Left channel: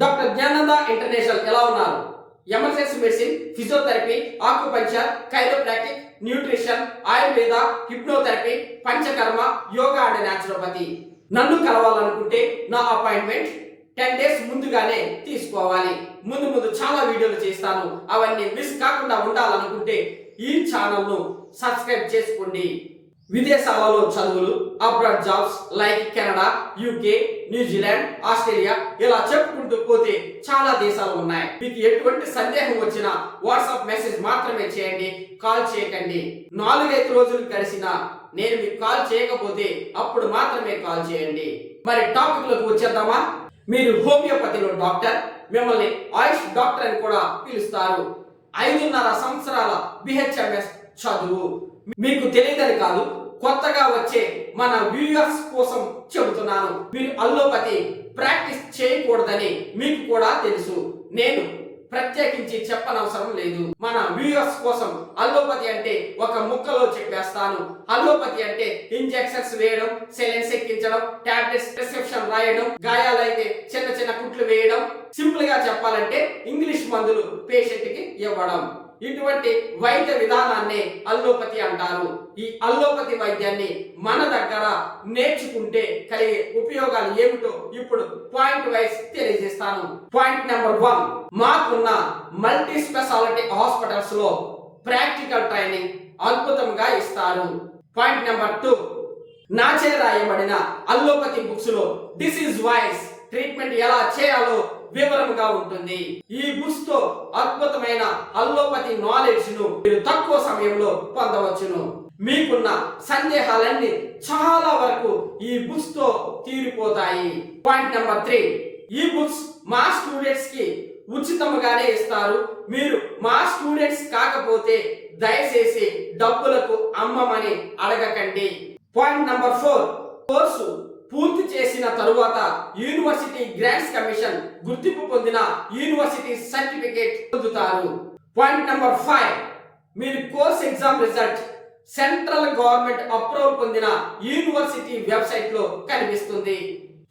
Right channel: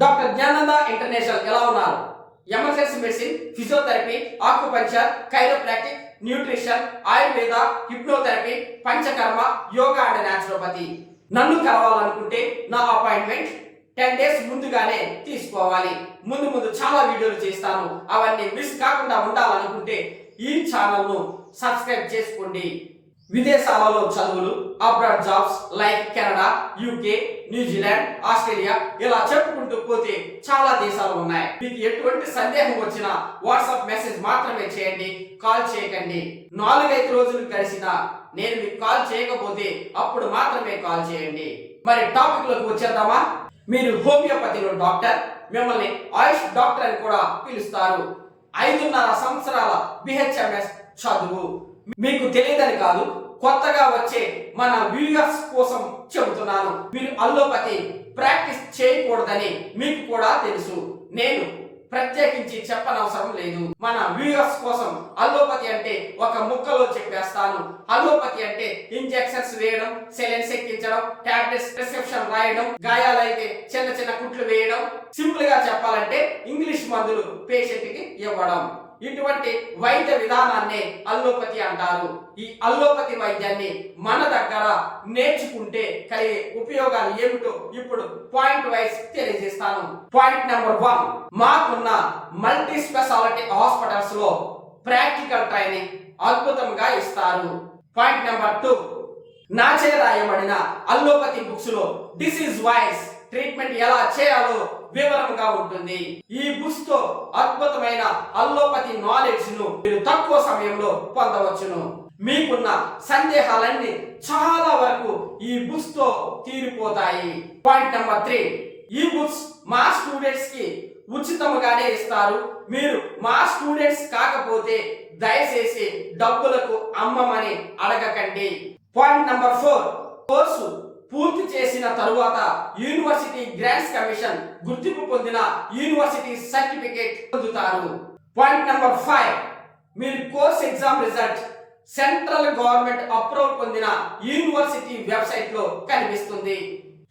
Doctor Jnananda international ఎలా ఉన్నారు? Emergency medicine, physiotherapy, acupuncture, chiropractic, nutrition, Ayurveda, hypnotherapy, panchakarma, yoga and naturopathy. నన్ను కలవాలనుకుంటే నా అపాయింట్మెంట్ 10 days ముందుగానే తీసుకోవాలి. ముందు చాలా వీడియోలు చేస్తాను. అవన్నీ మిస్ కాకుండా ఉండాలనుకుంటే ఈ ఛానల్ను సబ్స్క్రైబ్ చేసుకోండి. విదేశాలలో చదువులు, abroad jobs like Canada, UK, New Zealand, Australia ఇలా చెప్పుకుంటూ పోతే చాలా దేశాలు ఉన్నాయి. మీకు ఎటువంటి సందేహం వచ్చినా వాట్సాప్ మెసేజ్ మాత్రమే చేయండి, కాల్ చేయకండి. 4-5 రోజులు గడిచినా నేను మీకు కాల్ చేయకపోతే అప్పుడు మాత్రమే కాల్ చేయండి. మరి టాపిక్ లోకి వచ్చేద్దామా? మీరు హోమియోపతిలో డాక్టర్, మిమ్మల్ని ఆయుష్ డాక్టర్ అని కూడా పిలుస్తారు. 5.5 సంవత్సరాల బిహెచ్ఎంఎస్ చదువు. మీకు తెలియదని కాదు, కొత్తగా వచ్చే మన వ్యూవర్స్ కోసం చెబుతున్నాను. మీరు అల్లోపతి ప్రాక్టీస్ చేయకూడదని మీకు కూడా తెలుసు. నేను ప్రత్యేకించి చెప్పనవసరం లేదు. మన వ్యూవర్స్ కోసం అల్లోపతి అంటే ఒక ముక్కలో చెప్పేస్తాను. అల్లోపతి అంటే ఇంజెక్షన్స్ వేయడం, సెలైన్స్ ఎక్కించడం, టాబ్లెట్స్ ప్రిస్క్రిప్షన్ రాయడం, గాయాలైతే చిన్న కుట్లు వేయడం, సింపుల్ గా చెప్పాలంటే ఇంగ్లీష్ మందులు పేషెంట్ కి ఇవ్వడం. ఇటువంటి వైద్య విధానాన్ని అల్లోపతి అంటారు. ఈ అల్లోపతి వైద్యాన్ని మన దగ్గర నేర్చుకుంటే కలిగే ఉపయోగాలు ఏమిటో ఇప్పుడు పాయింట్ వైజ్ తెలియజేస్తాను. పాయింట్ నెంబర్ 1, మాకున్న మల్టీ స్పెషాలిటీ హాస్పిటల్స్ లో ప్రాక్టికల్ ట్రైనింగ్ అద్భుతంగా ఇస్తారు. పాయింట్ నెంబర్ 2, నాచే రాయబడిన అల్లోపతి బుక్స్ లో డిసీజ్ వైజ్ ట్రీట్మెంట్ ఎలా చేయాలో వివరంగా ఉంటుంది. ఈ బుక్స్ తో అద్భుతమైన అల్లోపతి నాలెడ్జ్ ను మీరు తక్కువ సమయంలో పొందవచ్చును. మీకున్న సందేహాలన్నీ చాలా వరకు ఈ బుక్స్ తో తీరిపోతాయి. పాయింట్ నెంబర్ 3, ఈ బుక్స్ మా స్టూడెంట్స్ కి ఉచితంగానే ఇస్తారు. మీరు మా స్టూడెంట్స్ కాకపోతే దయచేసి డబ్బులకు అమ్మమని అడగకండి. పాయింట్ నెంబర్ 4, కోర్సు పూర్తి చేసిన తరువాత యూనివర్సిటీ గ్రాంట్స్ కమిషన్ గుర్తింపు పొందిన యూనివర్సిటీ సర్టిఫికేట్ పొందుతారు. పాయింట్ నెంబర్ 5, మీరు course exam result central government approval పొందిన యూనివర్సిటీ వెబ్సైట్ లో కనిపిస్తుంది.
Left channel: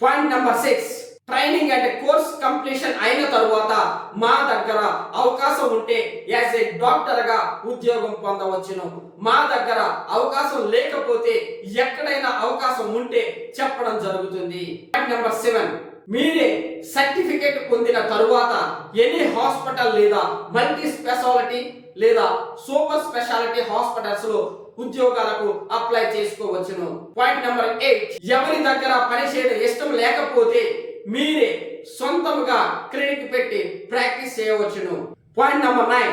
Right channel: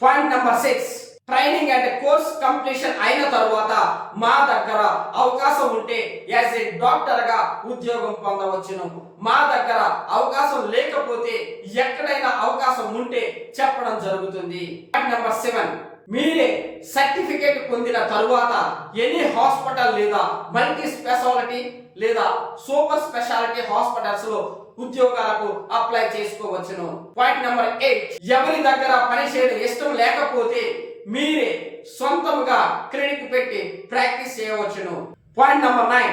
Point number 6, training and course completion అయిన తరువాత మా దగ్గర అవకాశం ఉంటే యాజ్ ఏ డాక్టర్ గా ఉద్యోగం పొందవచ్చును. మా దగ్గర అవకాశం లేకపోతే ఎక్కడైనా అవకాశం ఉంటే చెప్పడం జరుగుతుంది. పాయింట్ నెంబర్ 7, మీరే సర్టిఫికేట్ పొందిన తరువాత ఎనీ హాస్పిటల్ లేదా మల్టీ స్పెషాలిటీ లేదా సూపర్ స్పెషాలిటీ హాస్పిటల్స్ లో ఉద్యోగాలకు అప్లై చేసుకోవచ్చును. పాయింట్ నెంబర్ 8, ఎవరి దగ్గర పనిచేయడం ఇష్టం లేకపోతే మీరే సొంతముగా క్లినిక్ పెట్టి ప్రాక్టీస్ చేయవచ్చును. పాయింట్ నెంబర్ 9,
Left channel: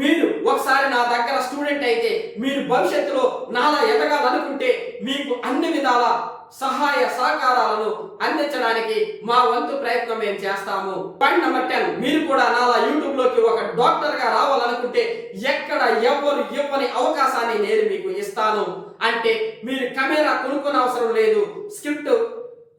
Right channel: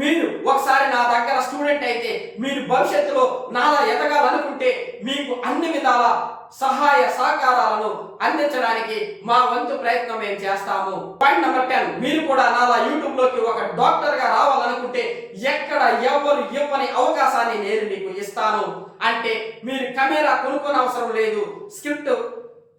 మీరు ఒకసారి నా దగ్గర స్టూడెంట్ అయితే మీరు భవిష్యత్తులో నాలా ఎదగాలనుకుంటే మీకు అన్ని విధాల సహాయ సహకారాలను అందించడానికి మా వంతు ప్రయత్నం మేము చేస్తాము. పాయింట్ నెంబర్ 10, మీరు కూడా నాలా యూట్యూబ్ లోకి ఒక డాక్టర్ గా రావాలనుకుంటే ఎక్కడ ఎవరు ఇవ్వని అవకాశాన్ని నేను మీకు ఇస్తాను. అంటే మీరు కెమెరా కొనుక్కోని అవసరం లేదు, స్క్రిప్ట్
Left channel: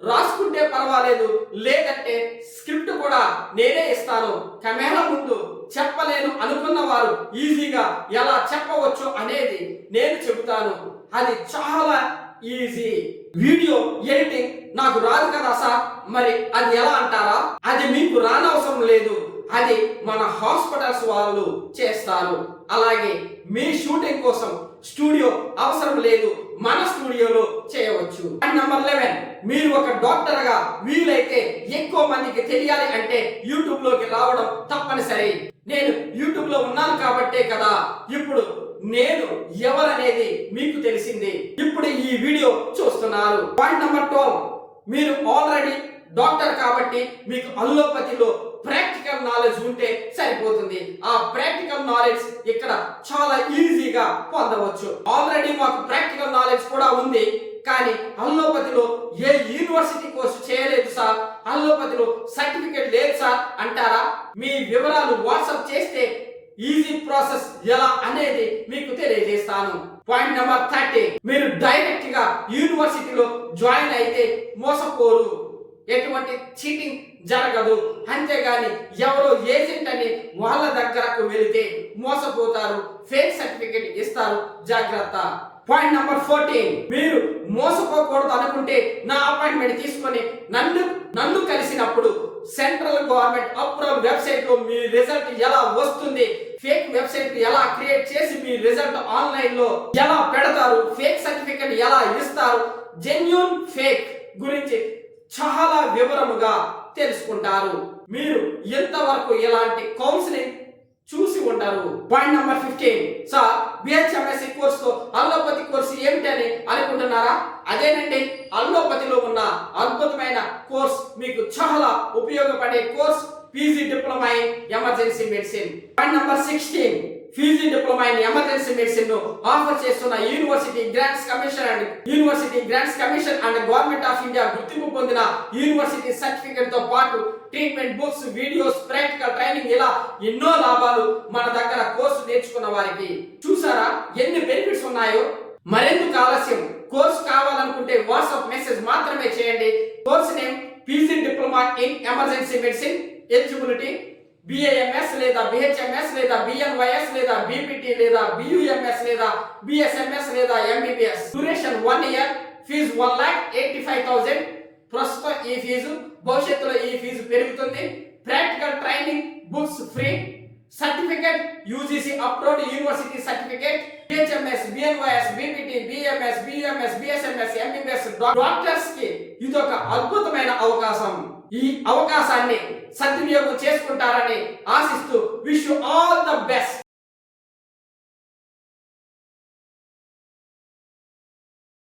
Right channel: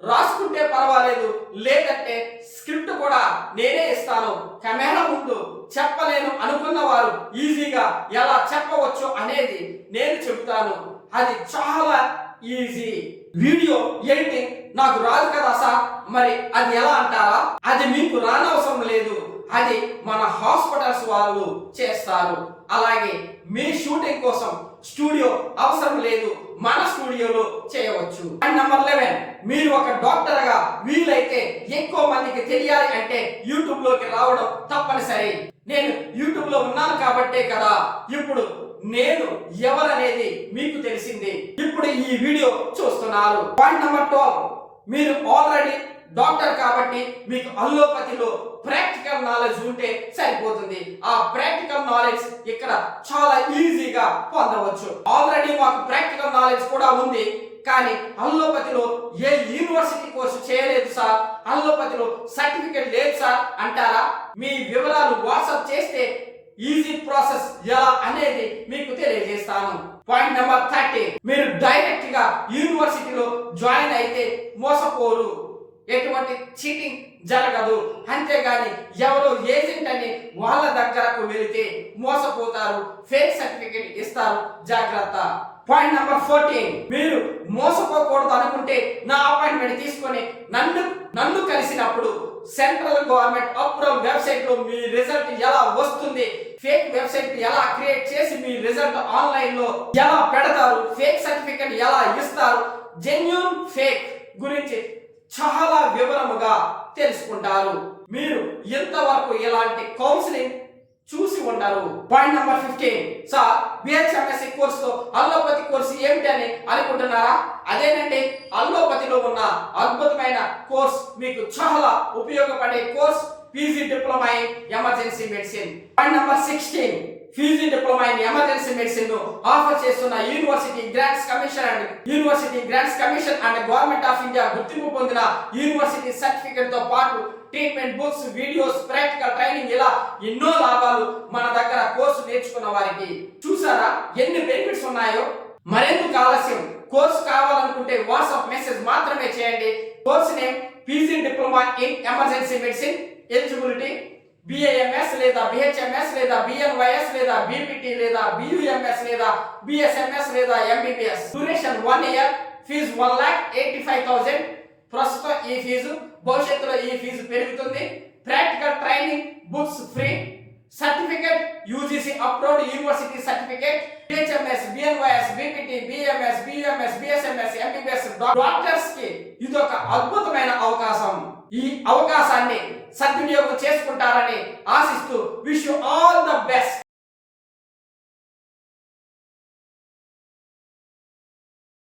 రాసుకుంటే పర్వాలేదు, లేదంటే స్క్రిప్ట్ కూడా నేనే ఇస్తాను. కెమెరా ముందు చెప్పలేను అనుకున్న వారు ఈజీగా ఎలా చెప్పవచ్చు అనేది నేను చెబుతాను. అది చాలా ఈజీ. వీడియో ఎడిటింగ్ నాకు రాదు కదా సార్, మరి అది ఎలా అంటారా? అది మీకు రానవసరం లేదు, అది మన హాస్పిటల్స్ వాళ్ళు చేస్తారు. అలాగే మీ షూటింగ్ కోసం స్టూడియో అవసరం లేదు, మన స్టూడియోలో చేయవచ్చు. పాయింట్ నెంబర్ 11, మీరు ఒక డాక్టర్ గా వీలైతే ఎక్కువ మందికి తెలియాలి అంటే యూట్యూబ్ లోకి రావడం తప్పనిసరి. నేను యూట్యూబ్ లో ఉన్నాను కాబట్టే కదా ఇప్పుడు నేను ఎవరనేది మీకు తెలిసింది. ఇప్పుడు ఈ వీడియో చూస్తున్నారు. పాయింట్ నెంబర్ 12, మీరు ఆల్రెడీ డాక్టర్ కాబట్టి మీకు అల్లోపతిలో ప్రాక్టికల్ నాలెడ్జ్ ఉంటే సరిపోతుంది. ఆ ప్రాక్టికల్ నాలెడ్జ్ ఇక్కడ చాలా ఈజీగా పొందవచ్చు. ఆల్రెడీ మాకు ప్రాక్టికల్ నాలెడ్జ్ కూడా ఉంది, కానీ అల్లోపతిలో ఏ యూనివర్సిటీ కోర్సు చేయలేదు సార్, అల్లోపతిలో సర్టిఫికేట్ లేదు సార్ అంటారా? మీ వివరాలు వాట్సాప్ చేస్తే ఈజీ ప్రాసెస్ ఎలా అనేది మీకు తెలియజేస్తాను. పాయింట్ నెంబర్ 30, మీరు డైరెక్ట్ గా యూనివర్సిటీలో జాయిన్ అయితే మోసపోరు, ఎటువంటి చీటింగ్ జరగదు. అంతేగాని ఎవరో ఏజెంట్ అని వాళ్ళ దగ్గరకు వెళితే మోసపోతారు, ఫేక్ సర్టిఫికేట్ ఇస్తారు, జాగ్రత్త. పాయింట్ నెంబర్ 14, మీరు మోసపోకూడదు అనుకుంటే నా అపాయింట్మెంట్ తీసుకొని నన్ను కలిసినప్పుడు సెంట్రల్ గవర్నమెంట్ అప్రూవల్ వెబ్సైట్ లో మీ రిజల్ట్ ఎలా వస్తుంది, ఫేక్ వెబ్సైట్ ఎలా క్రియేట్ చేసి మీ రిజల్ట్ ఆన్లైన్ లో ఎలా పెడతారు, ఫేక్ సర్టిఫికెట్ ఎలా ఇస్తారు, జెన్యూన్ ఫేక్ గురించి చాలా వివరముగా తెలుసుకుంటారు. మీరు ఎంతవరకు ఇలాంటి కౌన్సిలింగ్ చూసి ఉంటారు. Point number 15. సార్ బిహెచ్ఎంఎస్సి కోర్సుతో అల్లోపతి కోర్సు ఏమిటని అనుకుంటున్నారా? అదేనండి, అల్లోపతిలో ఉన్న అద్భుతమైన కోర్స్, మీకు చాలా ఉపయోగపడే course PG diploma in emergency medicine. Point number 16. PG diploma in emergency medicine ను ఆఫర్ చేస్తున్న university grants commission and government of India గుర్తింపు పొందిన యూనివర్సిటీ సర్టిఫికెట్ తో పాటు treatment books, videos, practical training, ఇలా ఎన్నో లాభాలు మన దగ్గర కోర్సు నేర్చుకున్న వారికి. చూసారా ఎన్ని బెనిఫిట్స్ ఉన్నాయో? మరెందుకు ఆలస్యం? కోర్సు కావాలనుకుంటే వాట్సాప్ మెసేజ్ మాత్రమే చేయండి. Course name PG diploma in emergency medicine. Eligibility BAMS లేదా బిహెచ్ఎంఎస్ లేదా బిఎన్వైఎస్ లేదా బిపిటి లేదా బియుఎంఎస్ లేదా బిఎస్ఎంఎస్ లేదా ఎంబీబీఎస్. Duration 1 year. ఫీజు 1,85,000. ప్రస్తుతం ఈ ఫీజు, భవిష్యత్తులో ఈ ఫీజు పెరుగుతుంది. Practical training, books free. Certificate UGC approved university certificate. BHMS, BNYS, BPT, BMS, BUMS, BSMS, MBBS doctors కి ఇదొక అద్భుతమైన అవకాశం. ఈ అవకాశాన్ని సద్వినియోగం చేసుకుంటారని ఆశిస్తూ wish you all the best.